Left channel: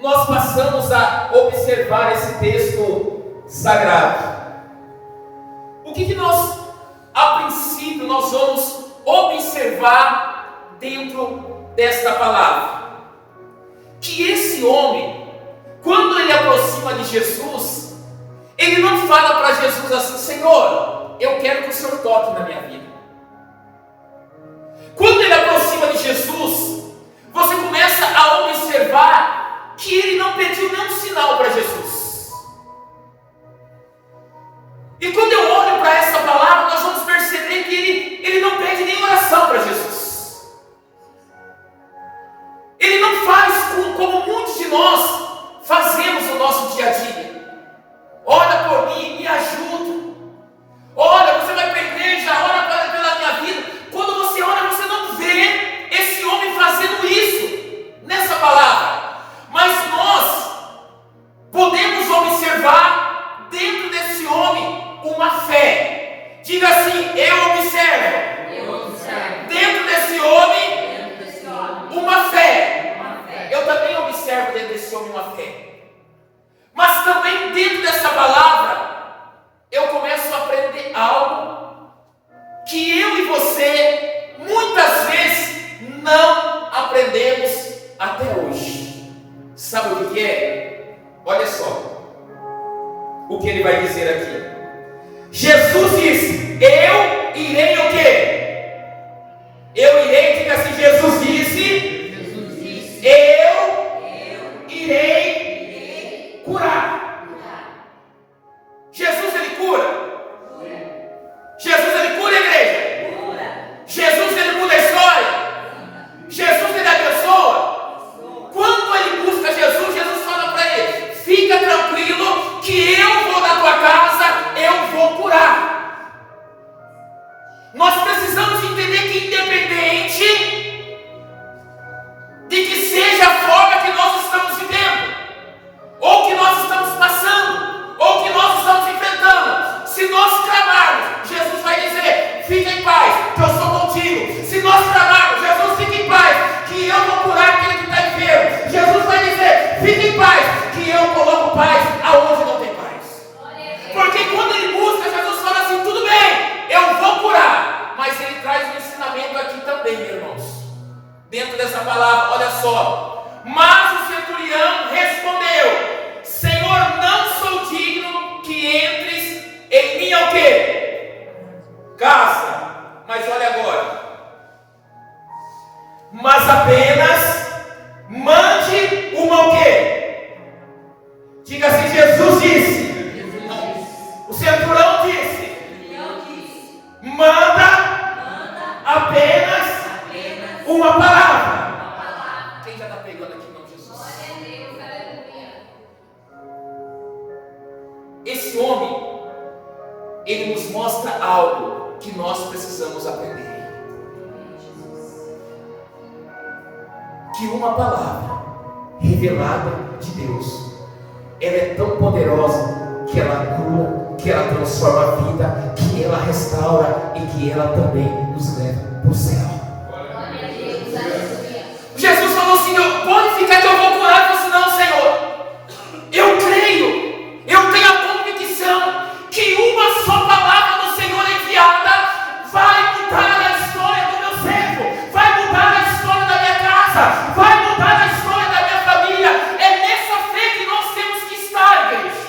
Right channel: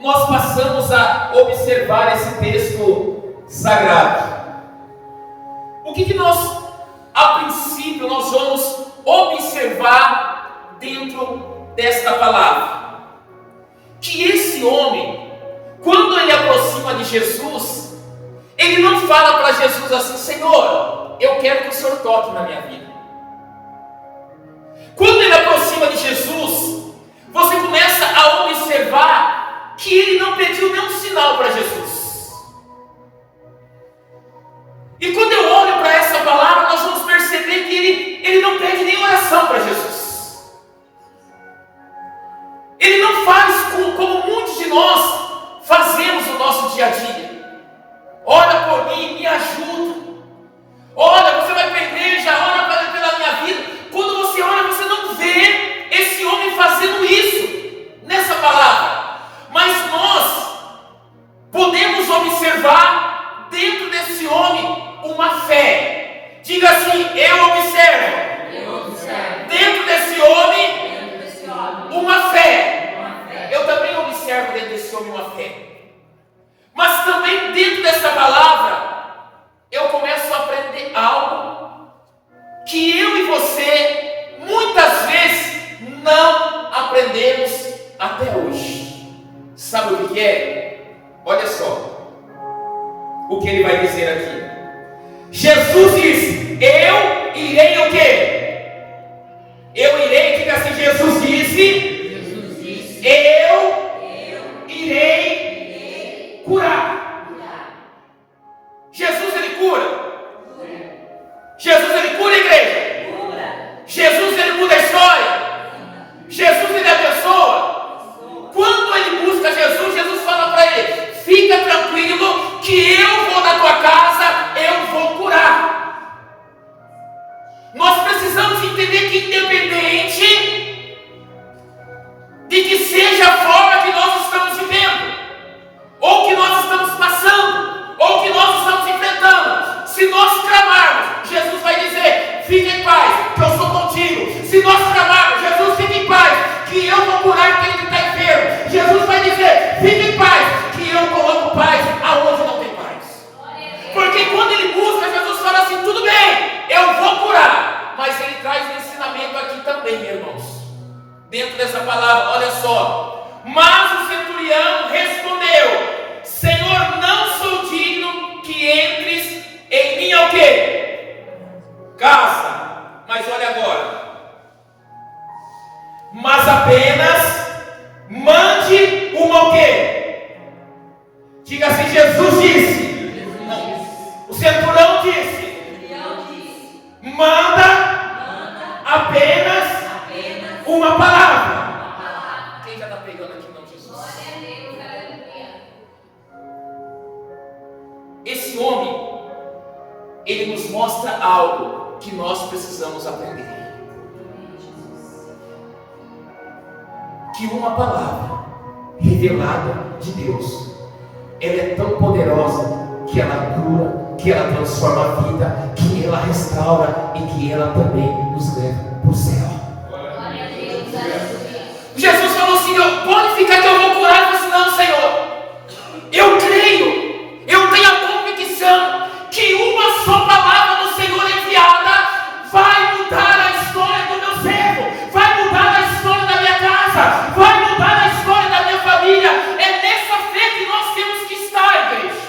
nós passamos a observar esse texto sagrado? O que nós, a princípio, nós vamos observar dentro desta palavra? Que esse homem, quando ele aproxima de Jesus, ele não fala para Jesus assim: Senhor, eu quero que o Senhor toque na minha vida. Quando ele aproxima de Jesus, você começa a observar que ele não pediu nenhum sinal para Jesus. E quando eu olho para essa palavra, nós vamos perceber que ele não pede nem oração para Jesus. Ele não faz como muitos de nós fazemos no nosso dia a dia. Olha por mim, me ajuda. Olha, você vai para a igreja, ora pela minha vida. Quando você olha, você não vê esse homem fazendo isso nessa palavra. Mas nós podemos observar dentro desse homem uma fé. Diga assim: eu observo. Dentro desse homem uma fé. Eu também observo dentro desse homem uma fé. Mas também dentro dessa palavra eu começo a aprender algo que eu e você muitas vezes não aprendemos até hoje. Sabe o que é? Olha só o que ele vai dizer aqui. Jesus disse: eu irei o quê? Eu irei, diga assim: Jesus disse, eu irei curar. Jesus, ele cura. Jesus, ele cura a igreja. Jesus, ele muda a história. Jesus, ele abençoa. Quando ele busca Jesus, Jesus fala para ele: fica tranquilo que eu vou na tua casa, eu vou curar. Nós precisamos entender que independente de que seja a forma que nós estamos vivendo, ou que nós estamos passando, ou que nós estamos enfrentando, se nós clamarmos, Jesus vai dizer: fica em paz, que eu sou contigo. Se nós clamarmos, Jesus, fica em paz, que eu vou curar aquele que está enfermo. Jesus vai dizer: fica em paz, que eu coloco paz aonde não tem paz. Porque quando ele busca, Jesus fala assim: tudo bem, eu vou curar. Mas ele traz um ensinamento aqui também, meus irmãos. Dentro dessa palavra, olha só. Mas o centurião respondeu: Senhor, não sou digno que entres em minha o quê? Casa. Mas olha agora. Mas apenas mande uma o quê? Diga assim: Jesus disse. O centurião disse: manda apenas uma palavra. Quem já está pegando aqui, não, Jesus? Esse homem, ele nos mostra algo que nós precisamos aprender. Que uma palavra revelada de Deus, ela é tão poderosa que ela cura, que ela transforma a vida, que ela restaura e que ela também nos leva para o céu. Jesus falou assim: pode ficar que eu vou curar. Eu disse: não, Senhor, eu creio, eu tenho a convicção que uma só palavra do Senhor enviada vai mudar a história do meu servo, vai mudar a história da minha casa, vai mudar a história da minha família. É nessa fé que nós temos que estar, igreja.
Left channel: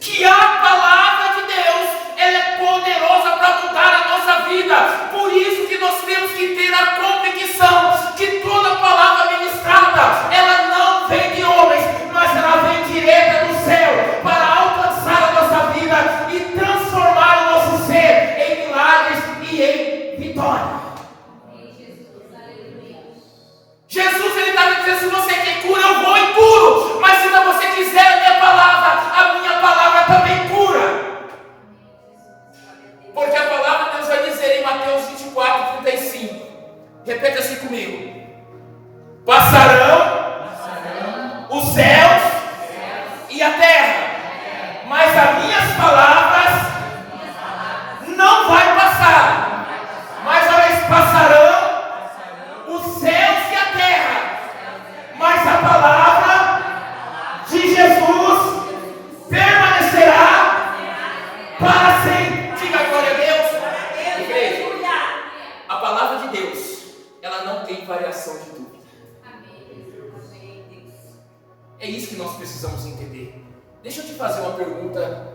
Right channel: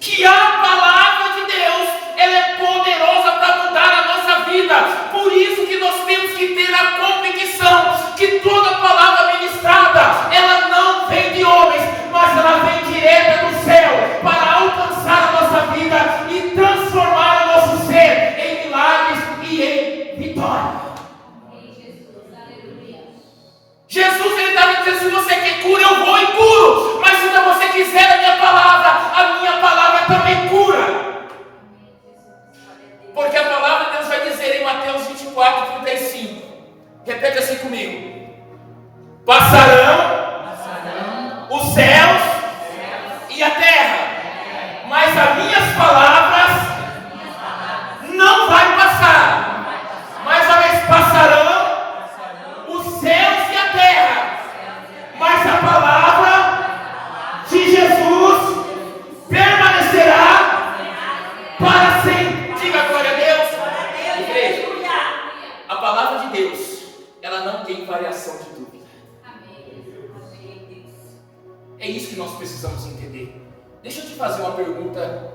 Que a palavra de Deus, ela é poderosa para mudar a nossa vida. Por isso que nós temos que ter a convicção que toda palavra ministrada, ela não vem de homens, mas ela vem direta do céu, para alcançar a nossa vida e transformar o nosso ser em milagres e em vitória. Jesus, ele está me dizendo: se você quer cura, eu vou e curo. Mas se você quiser a minha palavra também cura. Porque a palavra de Deus vai dizer em Mateus 24:35. Repete assim comigo: passarão os céus e a terra, mas as minhas palavras não vai passar. Mas olha, passarão os céus e a terra, mas a palavra de Deus, ela não tem variação de dúvida. É isso que nós precisamos entender. Deixa eu te fazer uma pergunta.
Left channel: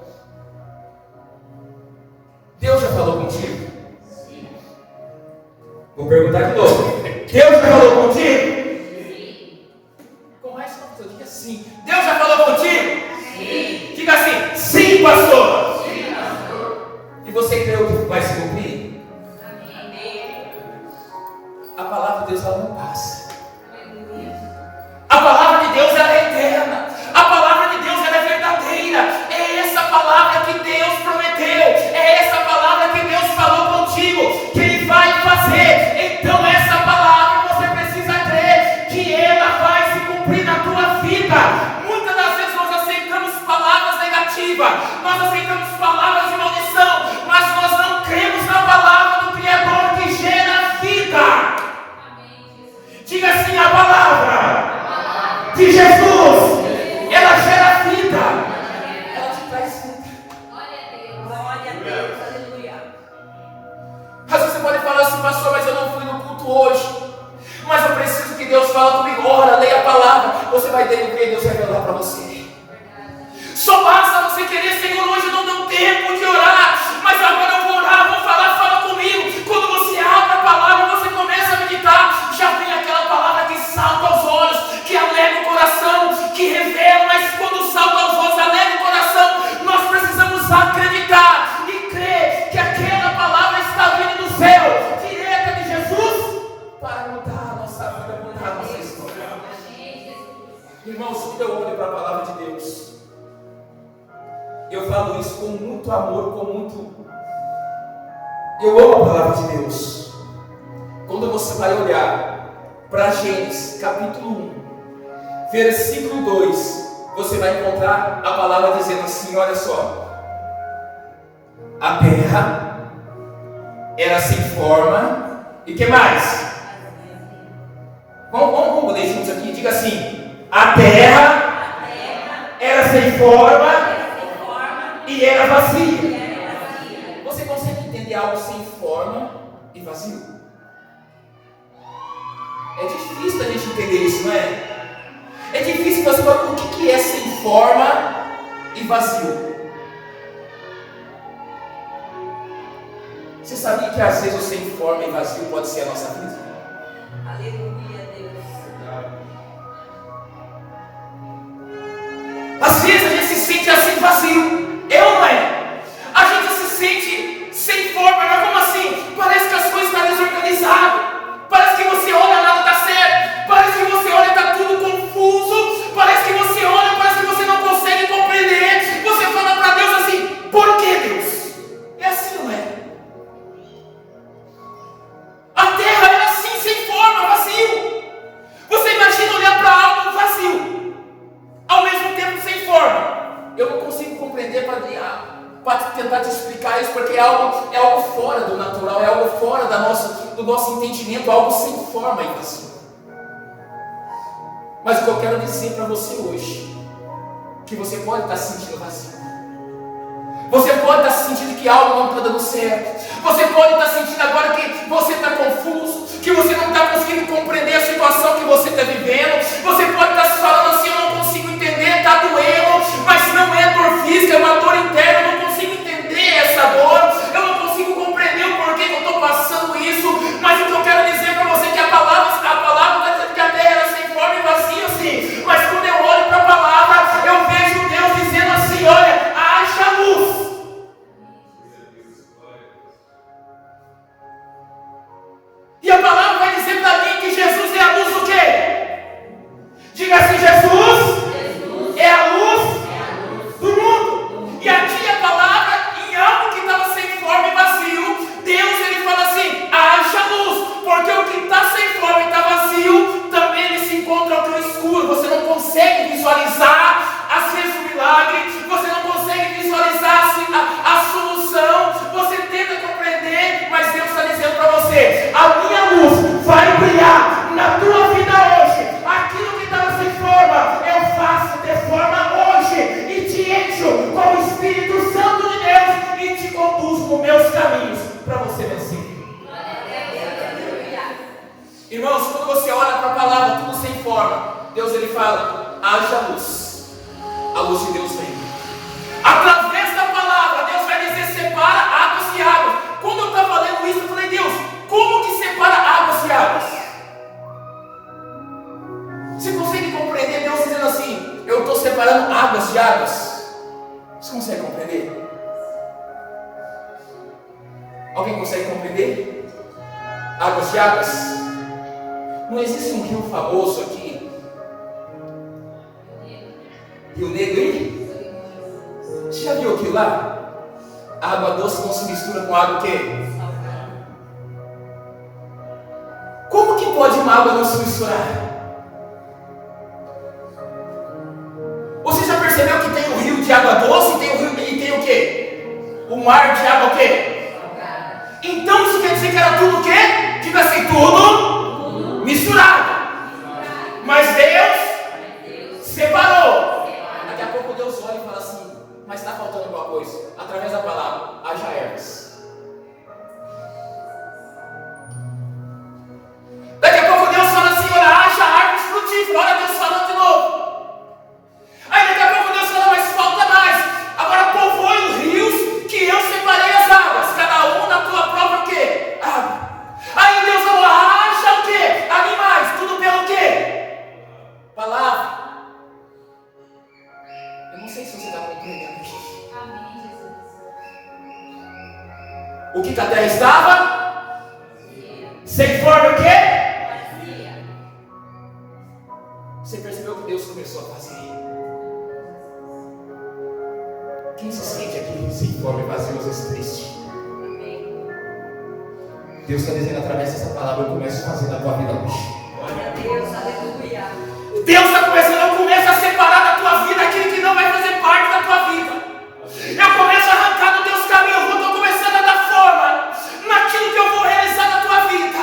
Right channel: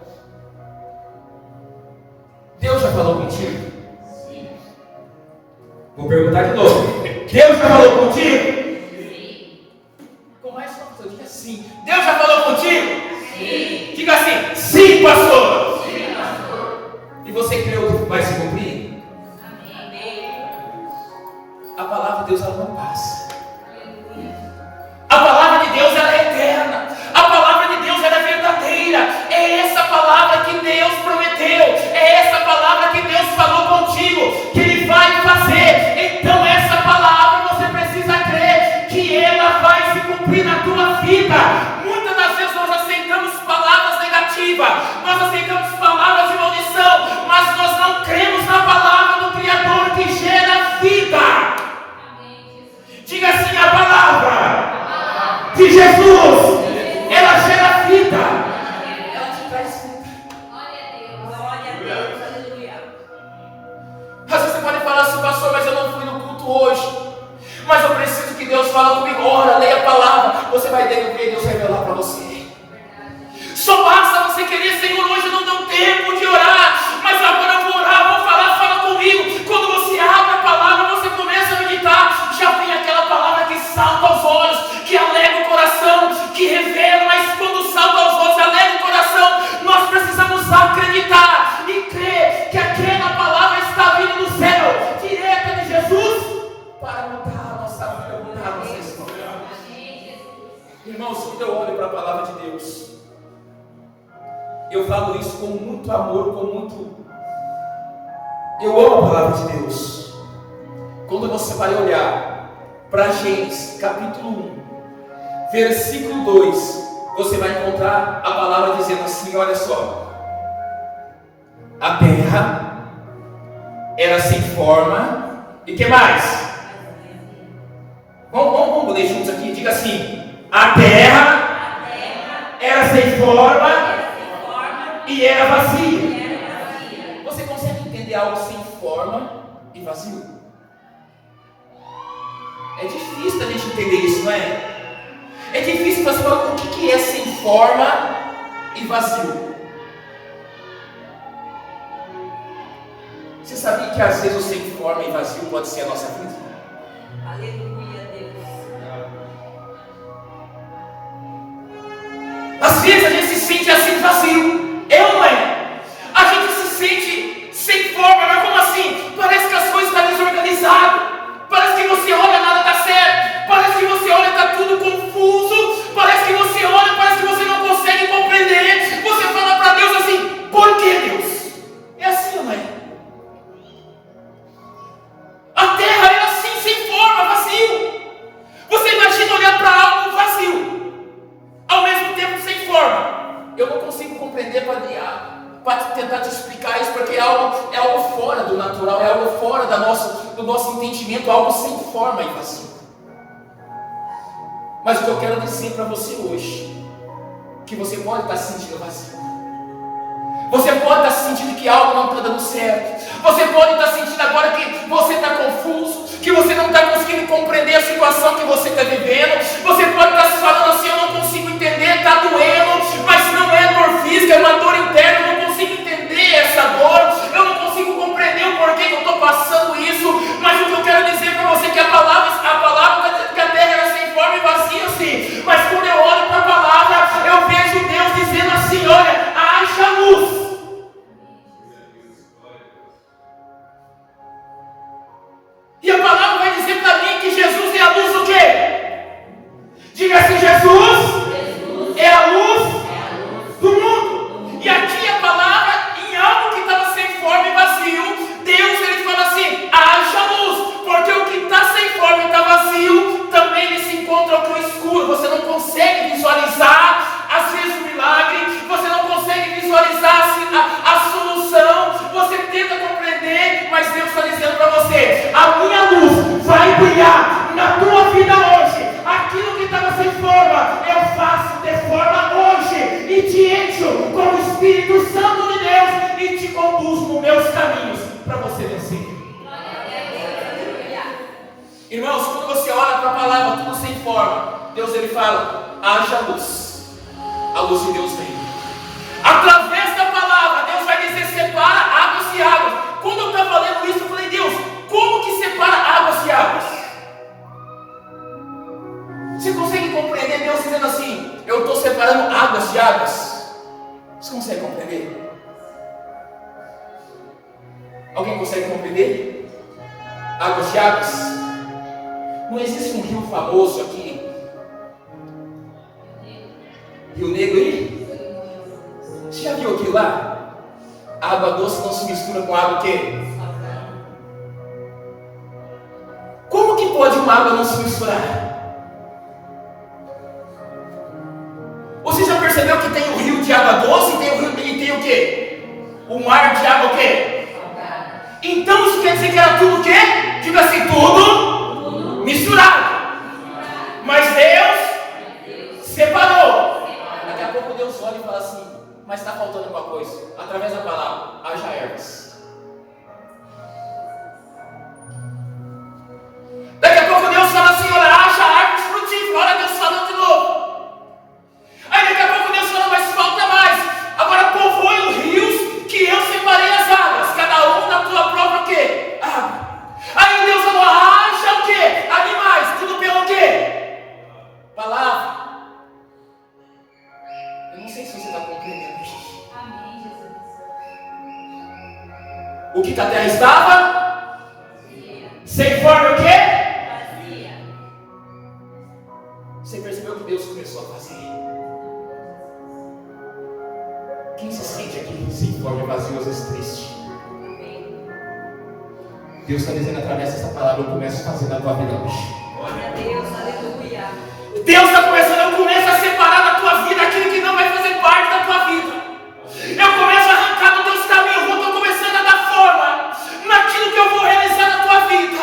Deus já falou contigo? Sim. Vou perguntar de novo. Deus já falou contigo? Sim. Com mais força, diga sim. Deus já falou contigo? Sim. Diga assim: sim, pastor. Sim, pastor. E você creu que vai se cumprir? Amém. A palavra de Deus ela não passa. A palavra de Deus ela é eterna. A palavra de Deus ela é verdadeira. É essa palavra que Deus prometeu. É essa palavra que Deus falou contigo, que Ele vai fazer. Então essa palavra você precisa crer que ela vai se cumprir na tua vida. Muitas das vezes nós aceitamos palavras negativas, nós aceitamos palavras de maldição, mas nós não cremos na palavra do Criador que gera vida. Diga assim: a palavra de Jesus, ela gera vida, ela te traz vida. Glória a Deus, aleluia. Às vezes você pode falar assim: pastor, mas eu não fui no culto hoje, mas eu preciso que Deus fale comigo. Ora, leia a palavra, você vai ter o que Deus revelar para você. Só basta você querer: Senhor, hoje não deu tempo de orar, mas agora eu vou orar, vou falar, fala comigo. Quando você abre a palavra, você começa a meditar, já vem aquela palavra que salta aos olhos, que alegra o coração, que revela. Mas quando salta aos olhos, alegra o coração, nós precisamos acreditar e crer que aquela palavra está vindo do céu, direta de Jesus, para mudar a nossa vida, mudar a nossa história. Irmãos, quando eu olho para a palavra de Deus, eu falo isso com muito amor, eu amo a palavra de Deus. Quando você vai olhar para Gênesis capítulo 1, versículo 2, você vai encontrar a palavra dizendo assim: olha só, a terra era sem forma, e que mais? Vamos ler juntos aqui, diga assim: a terra era sem forma e era vazia. Você consegue entender algo sem forma e vazio? É difícil a gente entender isso, não é? É difícil você falar o que é sem forma e vazio. Você sabia que às vezes o sem forma e vazio pode ser a nossa vida? Aleluia, Deus. Às vezes a gente se sente assim vazio. Eu não é? A gente se sente sem forma, mas como assim? Parece que as coisas estão desorganizadas. Parece que você olha, nada está certo. Parece que você olha, está tudo confuso. Parece que você olha, parece que você não consegue compreender. Você fala para Deus assim: por que, Deus? É assim, não é? A terra era assim, sem forma, vazio. Você imagina olhar para algo vazio, ao mesmo tempo sem forma. Eu não consigo compreender para tentar te explicar isso, porque é algo fora do natural, é algo fora do nosso entendimento, algo sem forma e vazio. Mas o que eu quero dizer para você hoje, que você pode estar se sentindo vazio, você pode estar sentindo que algo não está dando certo, você pode estar sentindo agora que você está confuso, que você não está conseguindo compreender a situação que você está vivendo. Você pode estar se falando assim: eu não consigo entender, está doendo, mas não é dor física, é uma dor interna, eu não consigo entender essa dor, eu não consigo compreender o porquê que eu estou passando isso. Mas o que eu quero dizer para você é que a palavra que a terra era sem forma e vazia, sim, mas quando eu olho para a palavra, eu vejo Deus dizendo assim: olha, haja luz. E a palavra vai dizer para mim que Jesus é a luz do quê? Diga assim: Jesus é a luz do mundo. E aqui a palavra, em algo que estava sem forma e vazio, Deus ele fala assim: haja luz. Porque o que está sem forma e está vazio, também ele se encontra com o escuro. Você não consegue visualizar às vezes o milagre, você não consegue visualizar a solução, você tenta compreender, mas Deus está dizendo para você: a minha luz vai brilhar na tua vida hoje. Aquilo que estava sem forma, Irmãos, quando você olha para a palavra, tudo sem forma, Deus ele fala, haja luz. A luz de Deus vem. Através da palavra, Deus vai dizer, separa águas e águas. Quando eu estava lendo isso, eu falei, Deus, como que separa águas e águas? Você consegue compreender Deus dizendo assim, eu estou separando águas de águas? Você consegue compreender? Alguém consegue compreender? Águas de águas? Não existe um rio famoso aqui, Rio Negro aí? Você já viu aquilo lá? A água doce não se mistura com água o quê? Como que pode uma água não se misturar? Você já percebeu que tem um rio de água doce e tem o quê? O mar de água o quê? Então isso quer dizer que era tudo o quê? Diga assim, tudo misturado. Mas Deus separou. Daqui a pouco Deus olha e fala assim, mas está faltando alguma coisa. Através da palavra, haja ervas. Daqui a pouco Deus fala assim, olha, haja árvores frutíferas. Olha Deus falando de novo. Aí daqui a pouco Deus fala, mas falta mais. Agora povoe os rios que eu separei as águas. Cada um na tua própria o quê? Água. Aí Deus falou, haja o quê? Animais. Tudo pelo quê? Palavra. Eu não sei se você está compreendendo. Amém, Jesus. O que a terra estava? Sem forma o quê? Você percebeu que Deus começou a fazer? Quem se sente aqui sem forma e vazio, às vezes triste? Deus está dizendo através dessa palavra, eu começo a fazer na tua vida hoje. Glória a Deus, aleluia. Deus está começando, eu começo a separar da tua vida aquilo que não vai fazer parte da tua vida. Eu começo a arrancar dos teus caminhos, eu estou começando a dar forma naquilo que eu vou realizar na tua vida.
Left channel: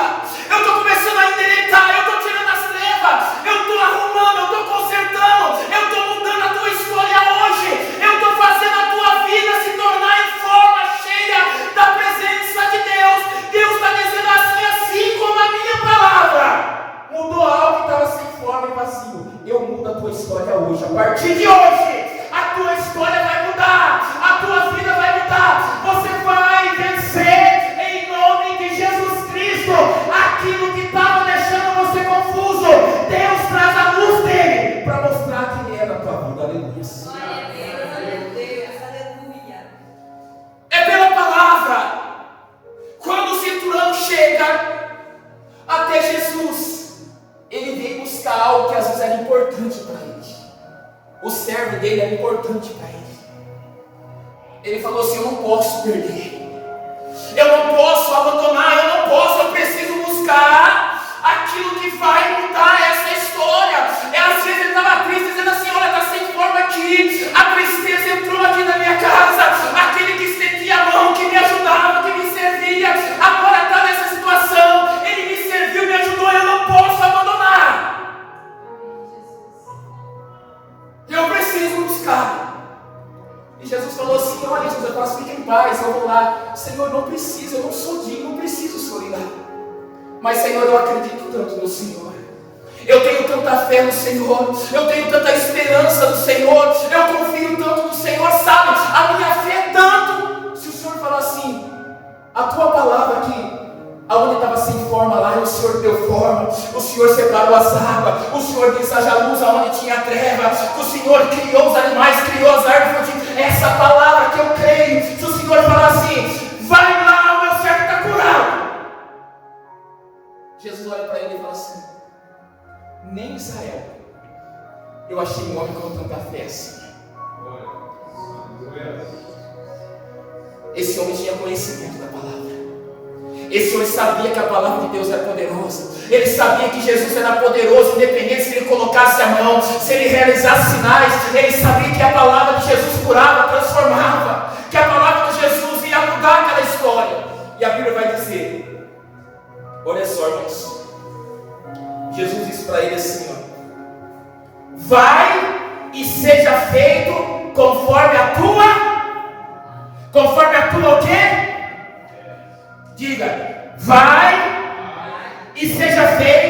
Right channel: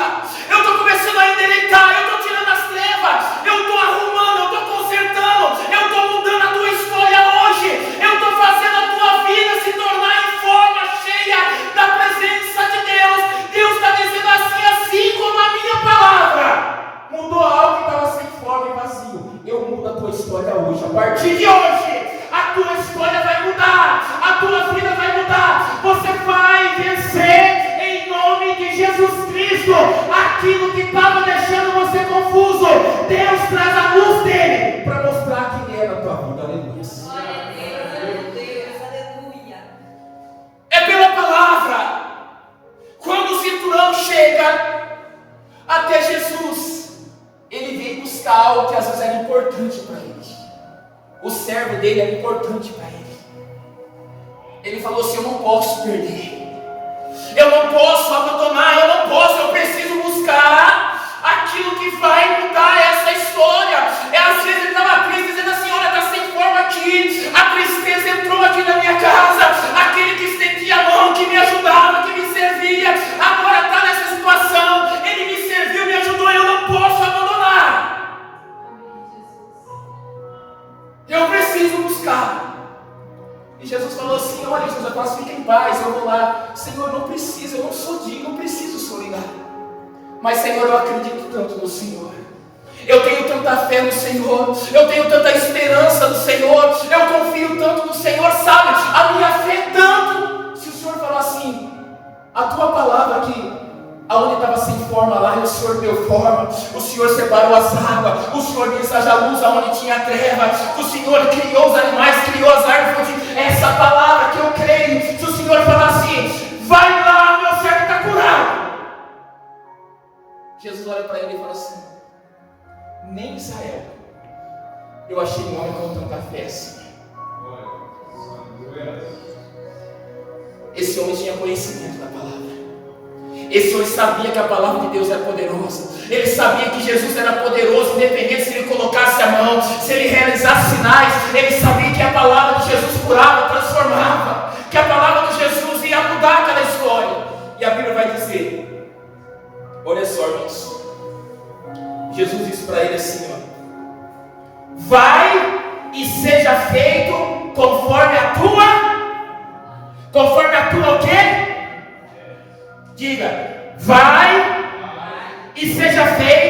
Eu estou começando a endireitar, eu estou tirando as trevas, eu estou arrumando, eu estou consertando, eu estou mudando a tua história hoje. Eu estou fazendo a tua vida se tornar em forma cheia da presença de Deus. Deus está dizendo assim como a minha palavra mudou algo que estava sem forma e vazio. Eu mudo a tua história hoje. A partir de hoje, a tua história vai mudar, a tua vida vai mudar. Você vai vencer em nome de Jesus Cristo. Aquilo que estava deixando você confuso, Deus traz a luz dele para mostrar quem é na tua vida. Aleluia. Glória a Deus, aleluia. É pela palavra. Quando o cinturão chega até Jesus, ele veio buscar algo que às vezes era importante para ele. O servo dele era importante para ele. Ele falou assim, eu não posso perder. Eu não posso abandonar, eu preciso buscar aquilo que vai mudar essa história. Às vezes ele estava triste, dizendo assim, olha, está sem forma aqui, a tristeza entrou aqui na minha casa, aquele que estendia a mão, que me ajudava, que me servia, agora está nessa situação, ele me serviu, me ajudou, eu não posso abandonar. Eu preciso buscar. E Jesus falou assim, olha Jesus, fica em paz, eu vou lá. Senhor, não preciso, eu não sou digno, não preciso solidário. Mas Senhor, eu acredito tanto no Senhor. Eu tenho tanta fé no Senhor, eu tenho tanta esperança no Senhor, eu confio tanto no Senhor, sabe? A minha fé é tanto. Se o Senhor falar assim, a tua palavra aqui, aonde estava sem forma lá, o Senhor deu forma, o Senhor separou as águas, o Senhor disse haja luz aonde tinha treva, o Senhor criou os animais, criou as árvores. Essa palavra que eu creio, se o Senhor falar assim, vai lá, o meu servo está curado. Jesus olha para ele e fala assim, nem em Israel eu achei um homem com tanta fé assim. Esse homem tinha conhecimento da palavra. Esse homem sabia que a palavra de Deus era poderosa. Ele sabia que Jesus era poderoso, independente se ele colocasse a mão, se ele realizasse sinais. Ele sabia que a palavra de Jesus curava, transformava, que a palavra de Jesus ia mudar aquela história. E a Bíblia vai dizer, olha só, irmãos, Jesus disse para ele assim, ó, vai e seja feito conforme a tua o quê? Diga, vai e seja feito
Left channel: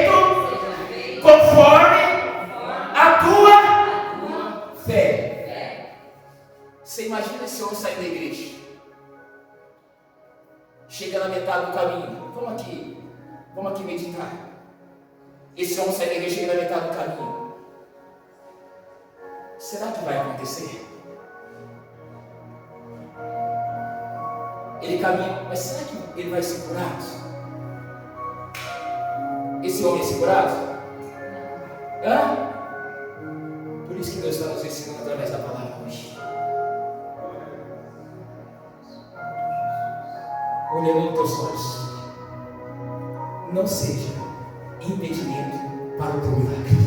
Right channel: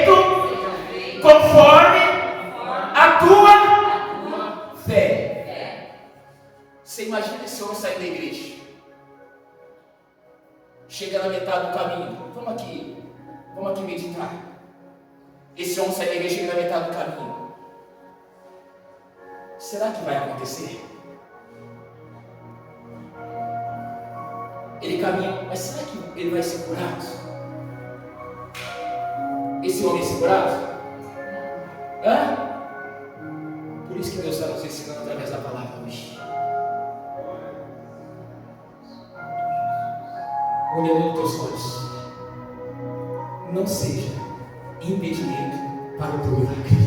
que meditar. Esse homem sai da igreja e chega na metade do caminho. Será que vai acontecer? Ele caminha, mas será que ele vai ser curado? Esse homem é ser curado? Hã? Por isso que Deus está nos ensinando através da palavra hoje. Olhando nos teus olhos, não seja impedimento para o teu milagre.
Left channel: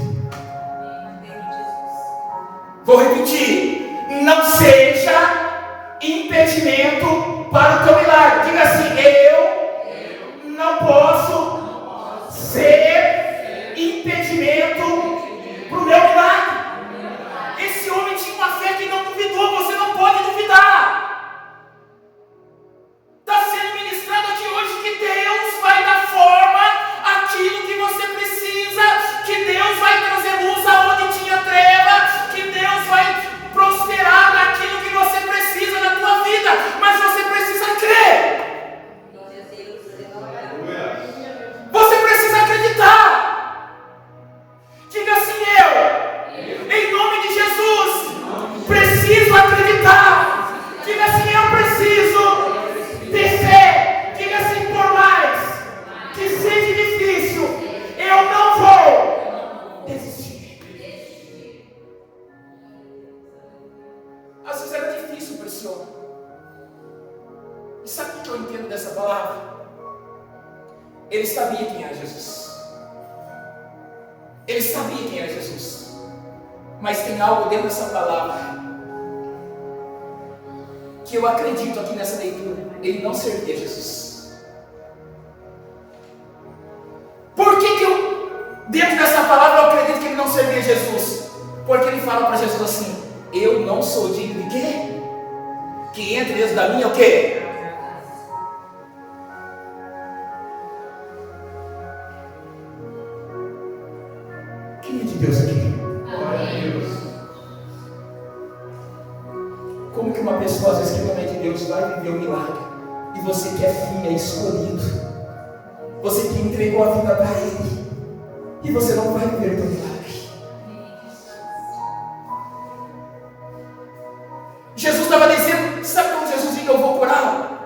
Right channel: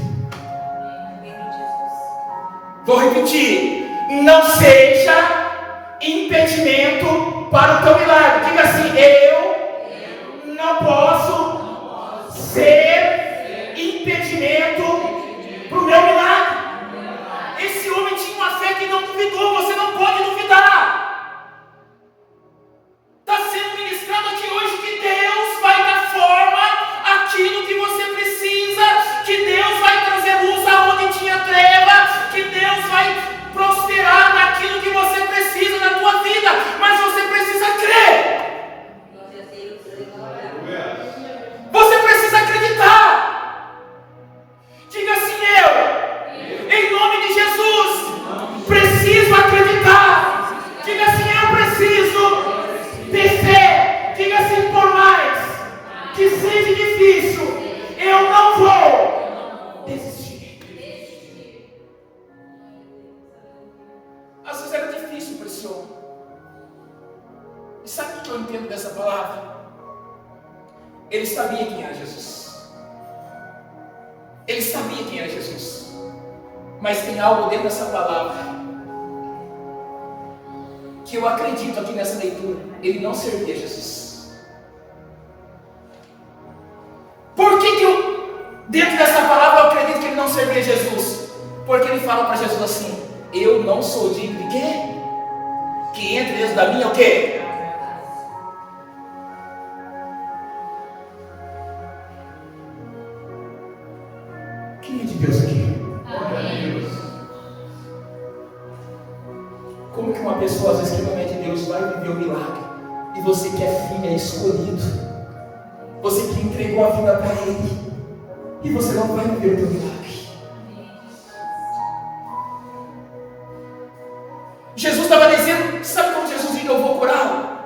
Vou repetir, não seja impedimento para o teu milagre. Diga assim: eu não posso ser impedimento para o meu milagre. Esse homem tinha uma fé que não duvidou. Você não pode duvidar. Está sendo ministrado aqui hoje que Deus vai dar forma àquilo que você precisa, que Deus vai trazer luz aonde tinha treva, que Deus vai prosperar naquilo que você precisa na tua vida, mas você precisa crer. Você precisa acreditar. Diga assim: eu, em nome de Jesus, preciso acreditar. Diga assim: eu preciso ter fé. Diga assim: por mais que seja difícil, eu não vou desistir. Às vezes era difícil para esse homem. E sabe o que eu entendo dessa palavra? Ele sabia quem era Jesus. Ele sabia quem era Jesus. Mas tem algo dentro dessa palavra que eu acredito aqui nessa leitura. Ele não servia Jesus. Por que dentro dessa palavra eu acredito que ele não servia Jesus? Porque ele fala para Jesus assim: eu não sou digno de quê? Que entre dentro da minha o quê? Quem é de Deus aqui? Como que uma pessoa às vezes que não é de Deus vai viver um milagre? E você que é filho, é escolhido, você que entregou a vida para Ele, e você não vai viver o teu milagre. Jesus estava dizendo, sabe como Jesus diz: eu vou curá-lo?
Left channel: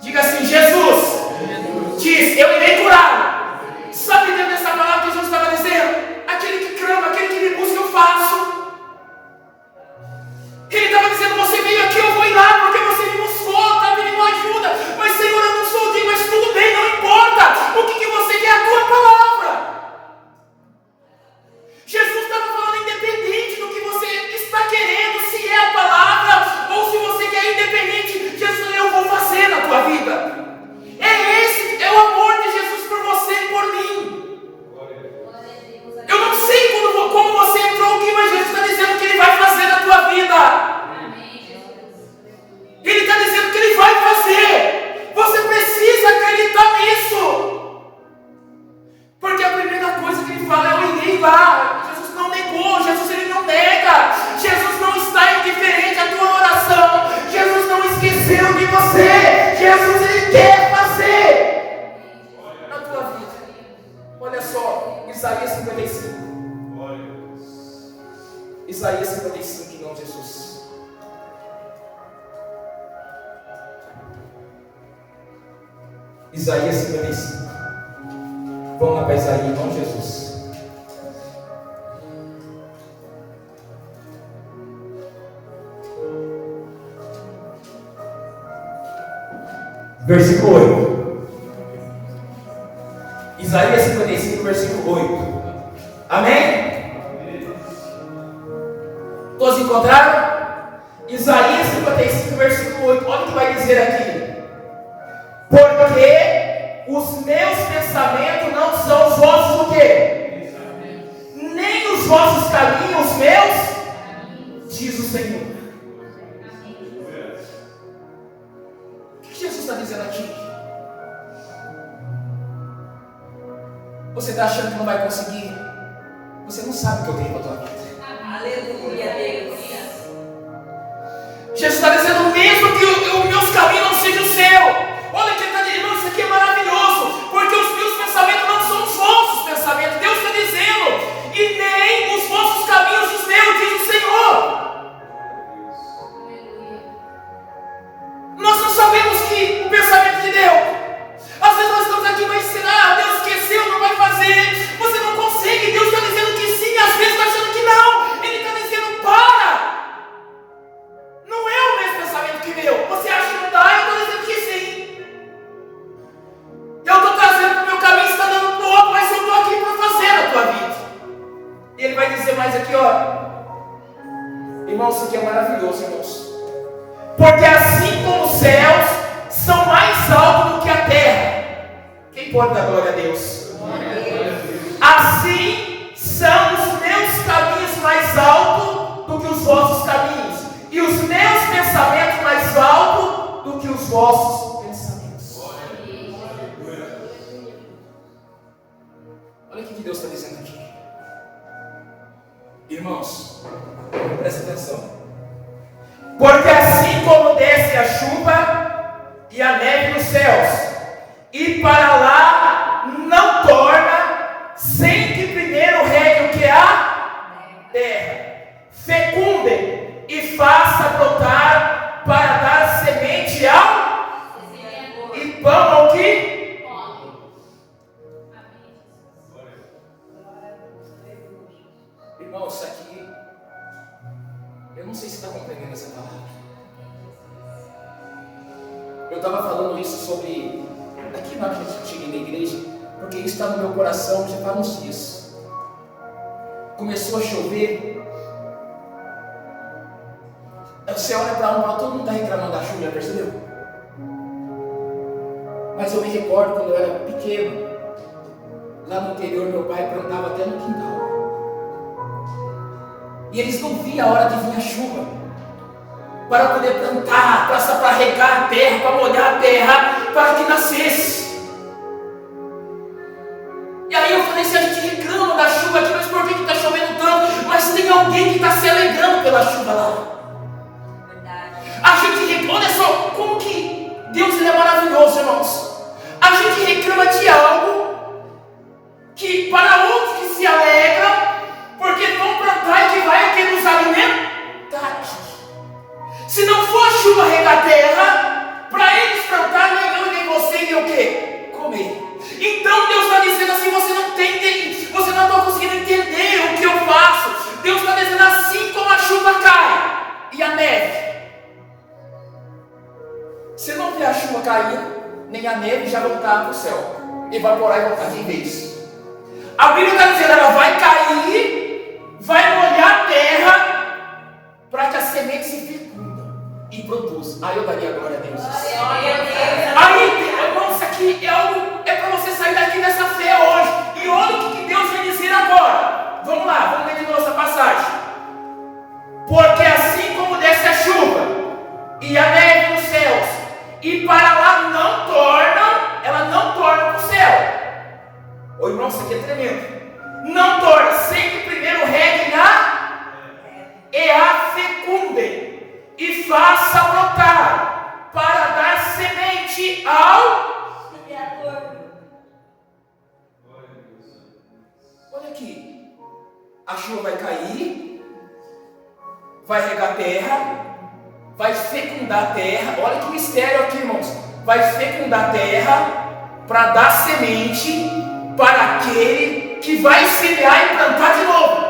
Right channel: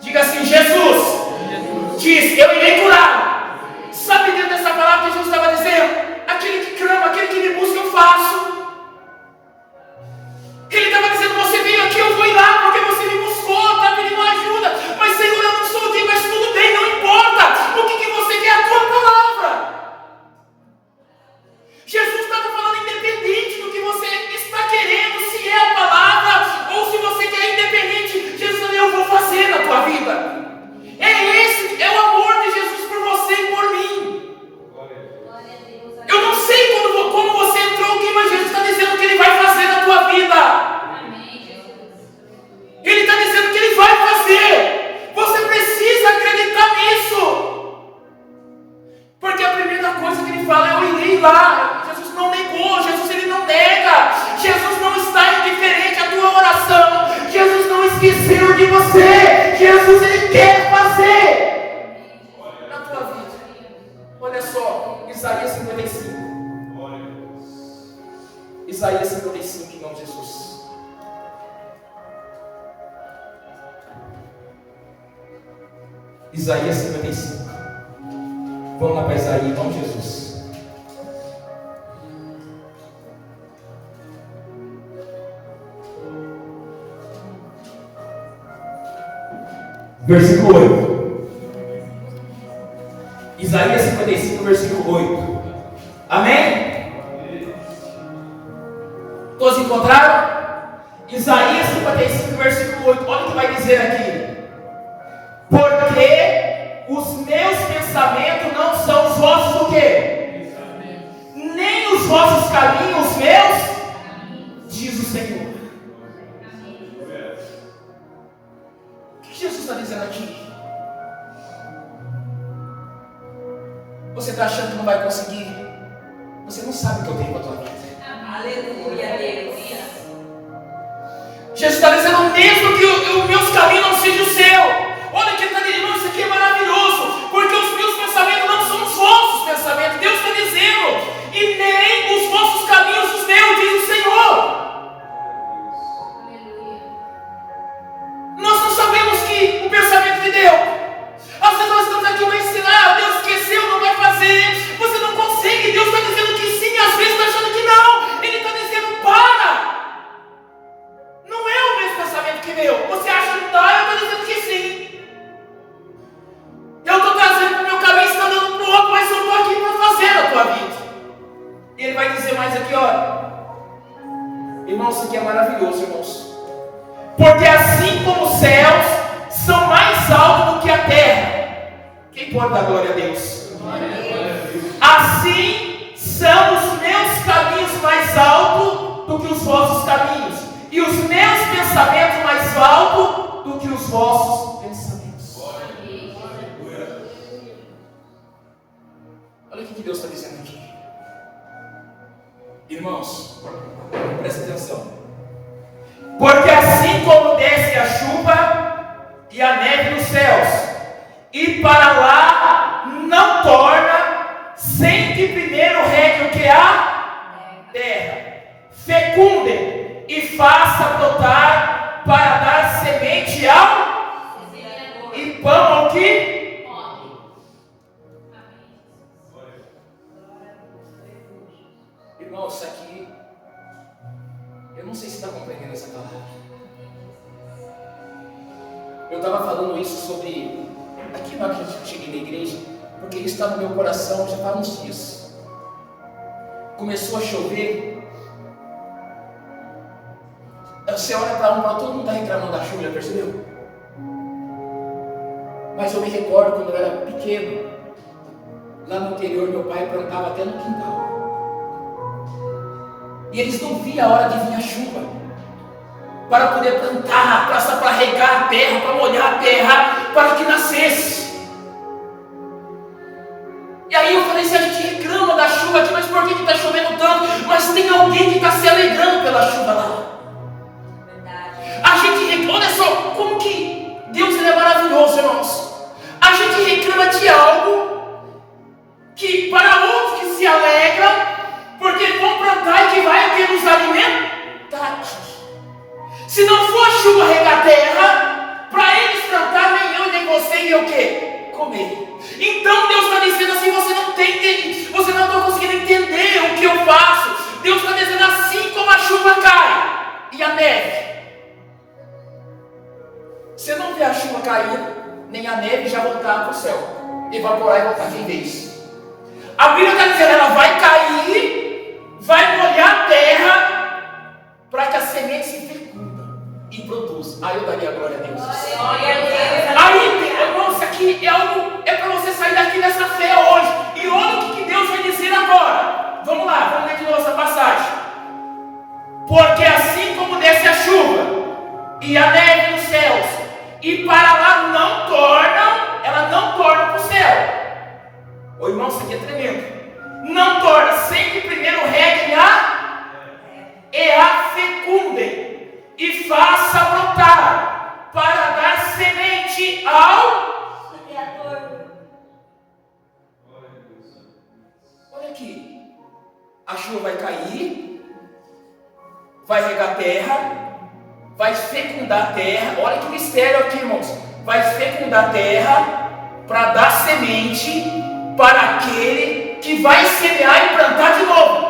Diga assim: Jesus diz: eu irei curá-lo. Sabe dentro dessa palavra que Jesus estava dizendo? Aquele que clama, aquele que me busca, eu faço. Ele estava dizendo: você veio aqui, eu vou ir lá, porque você me buscou, está pedindo ajuda. Mas Senhor, eu não sou digno, mas tudo bem, não importa. O que você quer? A tua palavra. Jesus estava falando independente do que você está querendo, se é a palavra ou se você quer independente. Jesus, eu vou fazer na tua vida. É o amor de Jesus por você e por mim. Eu não sei como você entrou aqui, mas Jesus está dizendo que Ele vai fazer na tua vida. Ele está dizendo que Ele vai fazer. Você precisa acreditar nisso. Porque a primeira coisa que Ele fala é: eu irei lá. Jesus não negou, Jesus Ele não nega. Jesus não está indiferente à tua oração. Jesus não esqueceu de você. Jesus Ele quer fazer na tua vida. Olha só, Isaías 55. Isaías 55, em nome de Jesus. Isaías 55. Vamos lá para Isaías, em nome de Jesus. Versículo 8. Isaías 55, versículo 8. Amém? Todos encontraram? Isaías 55, versículo 8. Olha o que vai dizer aqui: porque os meus pensamentos não são os vossos o quê? Nem os vossos caminhos meus, diz o Senhor. O que Jesus está dizendo aqui? Você está achando que não vai conseguir? Você não sabe o que eu tenho para a tua vida. Aleluia, Deus. Jesus está dizendo: mesmo que os meus caminhos não sejam o seu. Olha que ele está dizendo: isso aqui é maravilhoso, porque os meus pensamentos não aqui, ó. Irmãos, isso aqui é maravilhoso, irmãos. Porque assim como os céus são mais altos do que a terra. Quem pode dar glória a Deus? Assim são os meus caminhos mais altos do que os vossos caminhos, e os meus pensamentos mais altos do que os vossos pensamentos. Olha o que Deus está dizendo aqui. Irmãos, presta atenção. Porque assim como desce a chuva e a neve nos céus, e para lá não torna, sem que primeiro regue o que há? Terra. Fecunde e faça brotar para dar semente ao e pão ao que? Irmão, isso aqui, eu não sei se está compreendendo essa palavra. Eu estava falando isso sobre aqui na que cheguei na igreja, porque isso está no meu coração já faz uns dias. Começou a chover. Você olha para um, todo mundo está reclamando da chuva, percebeu? Mas eu me recordo quando eu era pequeno, lá no interior, meu pai plantava até no quintal. E eles não viam a hora de vir a chuva para poder plantar, para regar a terra, para molhar a terra, para que nascesse. E aí eu falei, se a gente reclama da chuva aqui, mas por que está chovendo tanto? Mas tem alguém que está se alegrando pela chuva lá. A gente reclama, olha só, como que Deus ele é maravilhoso, irmãos. A gente reclama de algo que para outros que se alegram, porque vão plantar e que vai o que nos alimentar. Se não for a chuva regar a terra, para eles plantar, nem eu nem você e o que? Comer. Então Deus está dizendo assim, você não está conseguindo entender o que eu faço. Deus está dizendo assim como a chuva cai e a neve. Você não vê a chuva cair, nem a neve já voltar para o céu, evaporar e voltar de vez. A Bíblia está dizendo, ela vai cair, vai molhar a terra, para que a semente se fecunda e produza. Aí eu daria a glória a Deus. Aí, irmão, isso aqui é algo, é para você sair daqui dessa fé hoje. E olha o que Deus vai dizer agora. Vamos lá, vamos ler de novo essa passagem. Porque assim como desce a chuva e a neve nos céus, e para lá não torna, ela não torna para o céu. Ô irmão, isso aqui é tremendo. Não torna, sem que primeiro regue e a fecunde, e faça brotar, para dar semente ao Criador. Olha aqui, a chuva vai cair, vai regar a terra, vai fecundar a terra. Olha que mistério aqui, irmãos. Vai fecundar a terra para dar semente para aquele que vai semear e plantar de novo.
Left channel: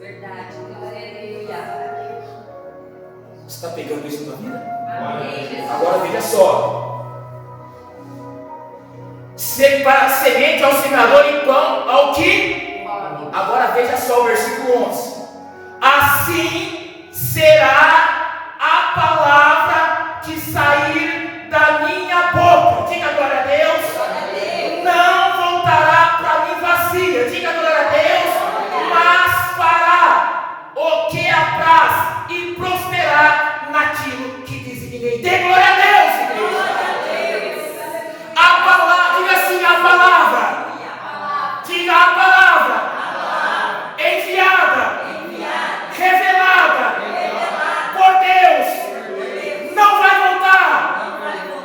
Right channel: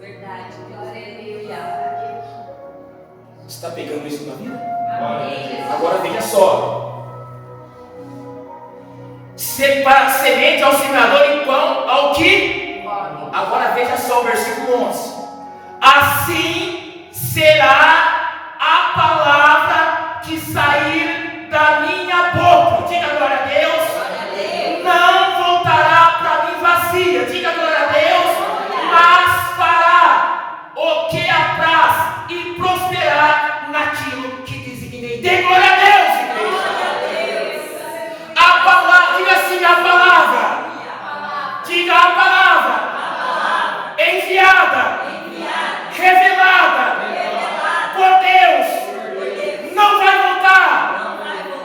Verdade. Aleluia. Você está pegando isso na vida? Agora veja só. Separa semente ao semeador e pão ao que? Agora veja só o versículo 11. Assim será a palavra que sair da minha boca. Diga glória a Deus. Não voltará para mim vazia. Diga glória a Deus. Mas fará o que apraz e prosperar naquilo que designei. Dê glória a Deus, igreja. A palavra, diga assim, a palavra. Diga a palavra. Enviada. Revelada por Deus, não vai voltar,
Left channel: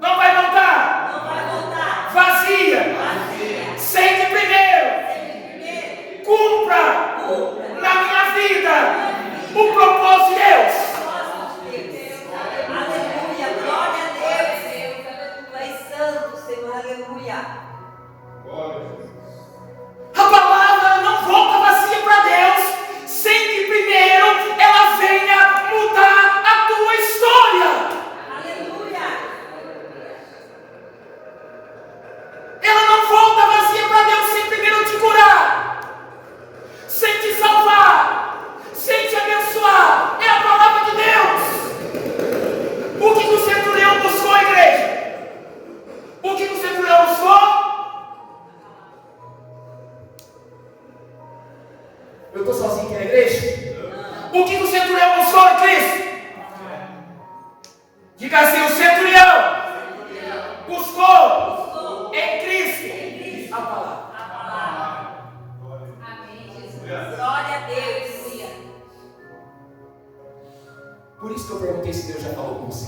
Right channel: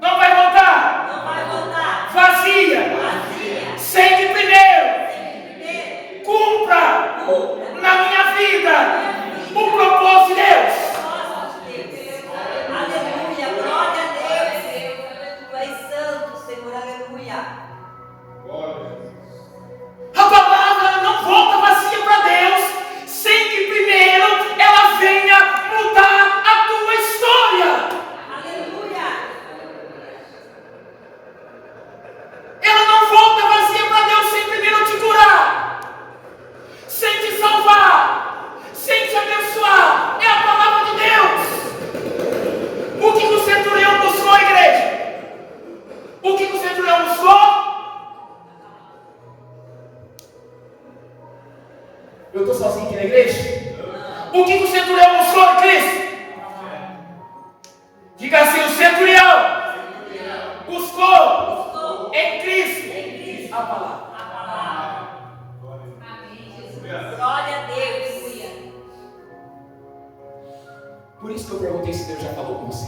não vai voltar, vazia, sem que primeiro cumpra na minha vida o propósito de Deus. Aleluia, glória a Deus. Tu és santo, Senhor, aleluia. A palavra não volta vazia para Deus sem que primeiro ela venha mudar a tua história. Aleluia. Ela não volta vazia para Deus sem primeiro te curar. estou sozinho aqui na igreja? O que o centurião mostrou em Cristo? Diga assim: o centurião buscou em Cristo a palavra. Glória a Deus. Por isso que eu perguntei se Deus já falou com você.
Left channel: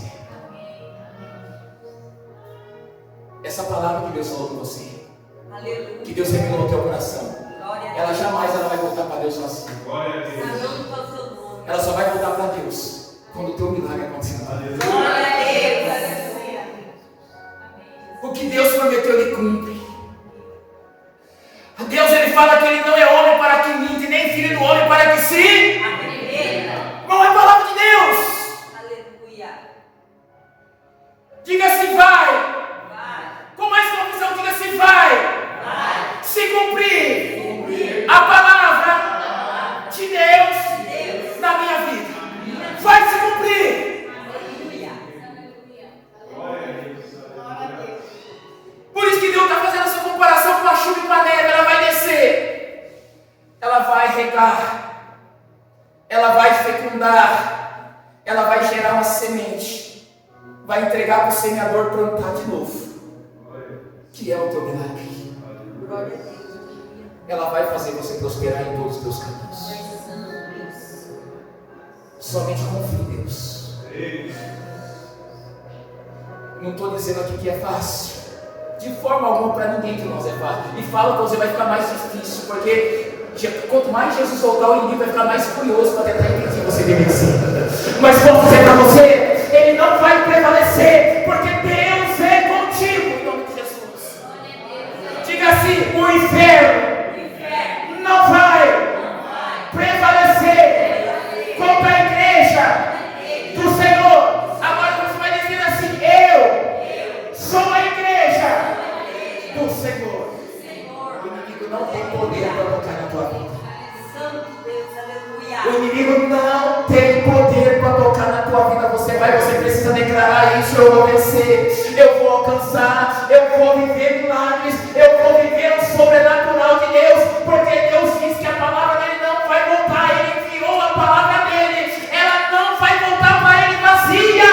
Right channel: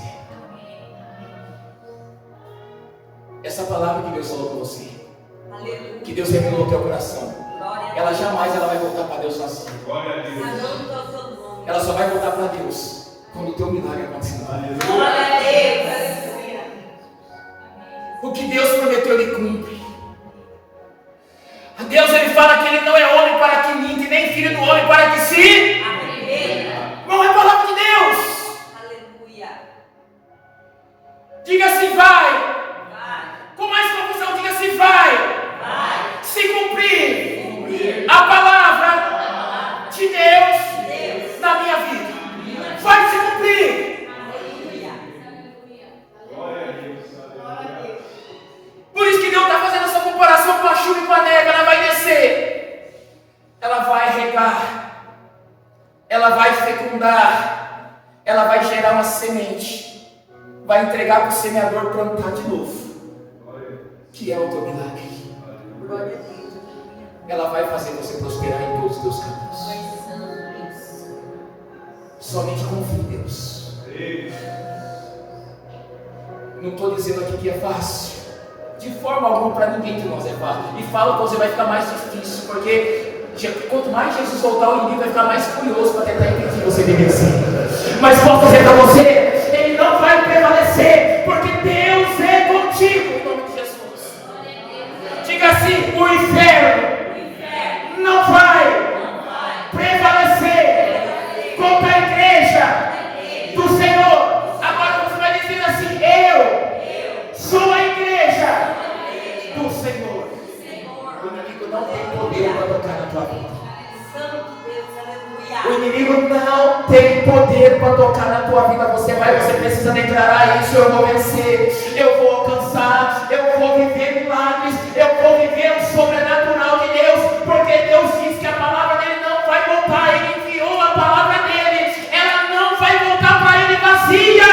Essa palavra que Deus falou com você, Aleluia. que Deus revelou no teu coração, Glória a ela Deus. jamais vai voltar para Deus sozinha. Santo é o seu nome. Ela só vai voltar para Deus quando o teu milagre acontecer. Glória a Deus. Aleluia. O que Deus prometeu, Ele cumpre. A Deus, Ele fala que Ele não é homem para que minta, nem filho do homem para que se... Não é palavra de Deus. Aleluia. Diga assim: vai. Vai. Com mais confusão, diga assim: vai. Vai. Se cumprir a palavra de Deus na minha vida, vai se cumprir. Aleluia. Por isso que Deus está fazendo essa comparação com a chuva e com a neve. Ela vai descer, ela vai regar, ela vai fecundar, ela vai gerar uma semente, vai entregar para o semeador plantar de novo, que é o teu milagre. Glória a Deus. Ela vai fazer você prosperar em todos os teus caminhos. Somente confie em Deus. Não estou dizendo aqui que é fácil, de forma alguma, para ninguém de nós é fácil. E falo para você, vai ficar mais difícil, porque quanto mais Jesus voltar, o inimigo vai ficar mais curioso para tentar entender que você deve ser. Mas posso dizer para você, ele não vai prevalecer, porque Deus é contigo, em nome de Jesus. Diga assim: o inferno não vai prevalecer contra a igreja do Senhor. Agora você vai dizer assim: eu sou a igreja do Senhor. O inimigo não tem poder para tocar na tua vida. Santo Deus, aleluia. O inimigo não tem poder para tocar na tua vida. Você precisa declarar isso: eu vou vencer, eu vou alcançar, eu vou viver milagres, eu vou viver o sobrenatural de Deus, porque Deus disse que a palavra dele não vai voltar. Ele enviou a palavra dele, ela não vai voltar para ele vazia,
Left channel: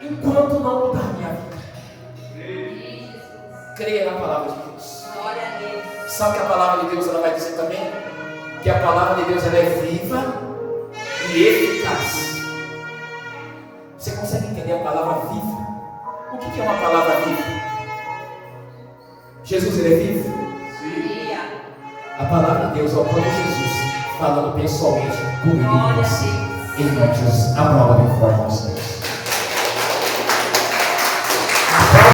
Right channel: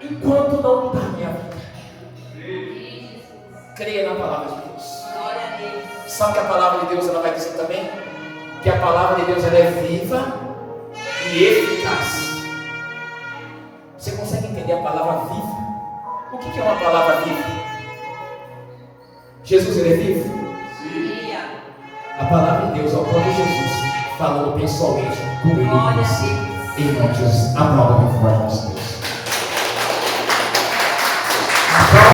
enquanto não mudar minha vida. Creia na palavra de Deus. Glória a Deus. Sabe que a palavra de Deus, ela vai dizer também que a palavra de Deus, ela é viva e eficaz. Você consegue entender a palavra viva? O que é uma palavra viva? Jesus, ele é vivo? Aleluia. A palavra de Deus é o próprio Jesus falando pessoalmente com ele. Glória a Deus. Em nome de Jesus, aplauda bem forte nosso Deus.